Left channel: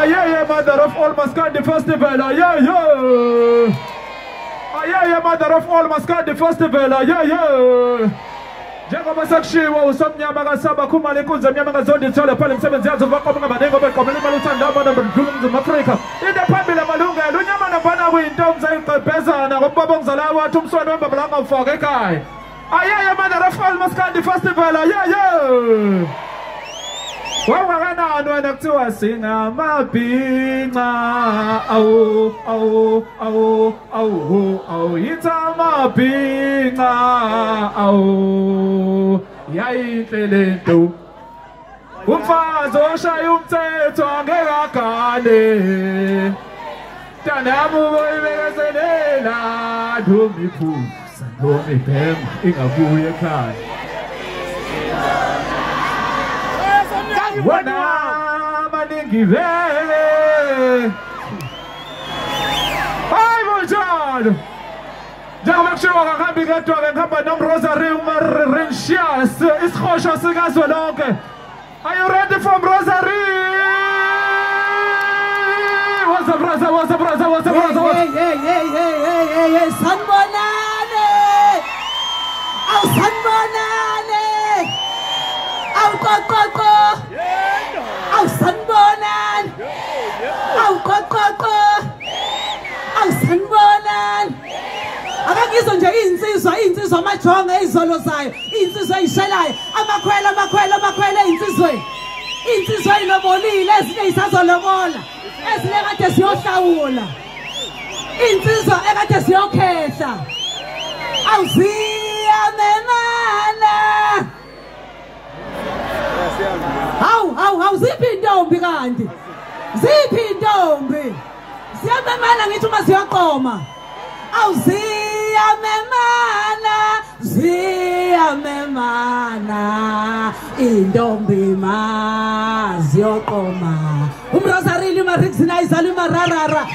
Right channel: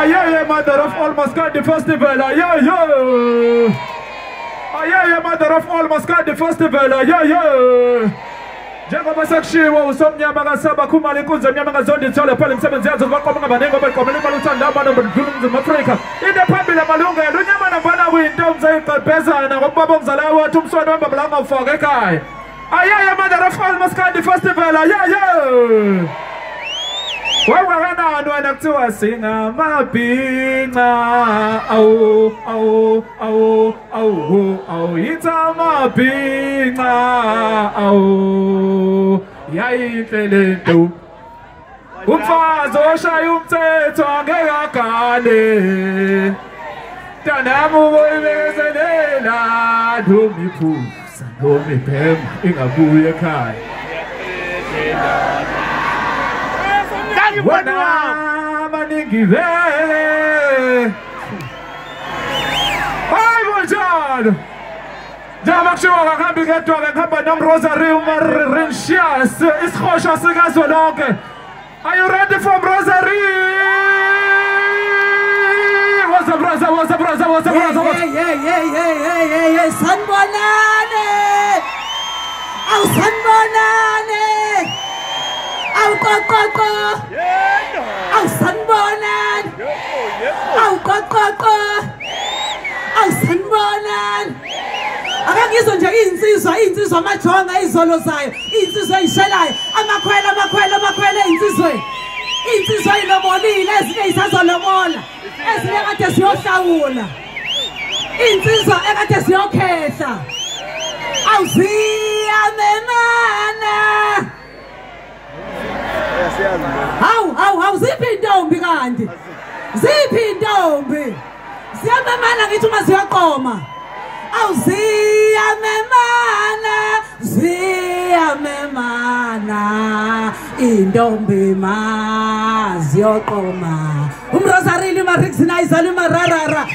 Aye, mother of all Mascandi Festival. Aye, mother of all Mascandi Festival. Aye. Njengoba sekushiwo usomnyama kasaba khumala inkunzi emnyama kazondi ithole phela imisebenzi yazo baqoba ngabanengi obeqomela imali uthanda abantu abadlula Afrika. Into phambili amalungelo unyama nambana kuyintombi zayiqebhezana ngobaba ongizalayo wathi umswane wamba bla ngawufaka ekhaya. Aye, mother of all Mascandi Festival. Aye. Wawakanani wena kuthiwa singamabhinca awu yithi amabhinca awu yayinhle lento umfazi oshaya umthetho angeke agane mntanami uboyibekezelela ndomiphuza ndomibhema ingabuye ekhaya Wana maningi vele Hayi njalo Njama kushiwa kahambi ngedwa ngihamba nomRosary uMarinsias isikhosha sikazwe lonke Are you ready for Rosary? What's up brother? Sanbonane Aw sanbonane Aw kokoko Aw sanbonan Aw kokoko Aw sanbonan Akangizwe nje insizwa amajonga izolo zayo insizwa eyishelayo amakhwele insizwa inobonile ezinye isazolobola ezinye kade siyohlawula insizwa ekade siyokhehla awuziyamenana Hawu ziphi intombi kanti ziphi intombi siyamemana ngithi uma siyaqoma ziyamemana intombi maziyaqoma umRosary limarixinizer limararara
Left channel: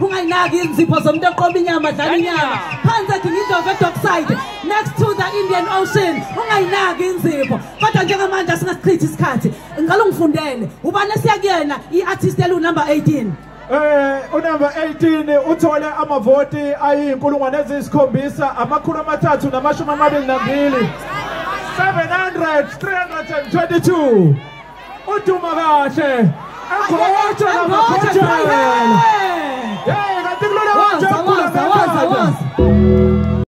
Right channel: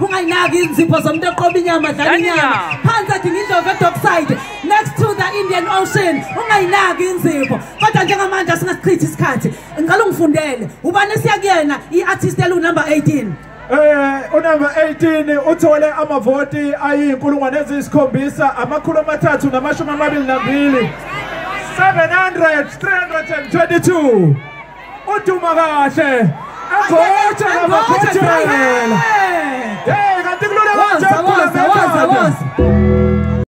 ungayinaki inzipho zomuntu eqoma inyama dlala inyama phansi athi ngindlovu eDockside next to the Indian Ocean ungayinaki inzipho kodwa njengamanje singasichithi isikhathi ngicela ungifundele ubani esiyakuyena iartist number 18 unumber 18 uthole amavoti ayinkulungwane eziyikhombisa amakhulu amathathu namashumi amabili nambili 322 uduma kahle Angotshe Hey, kanti kulona waza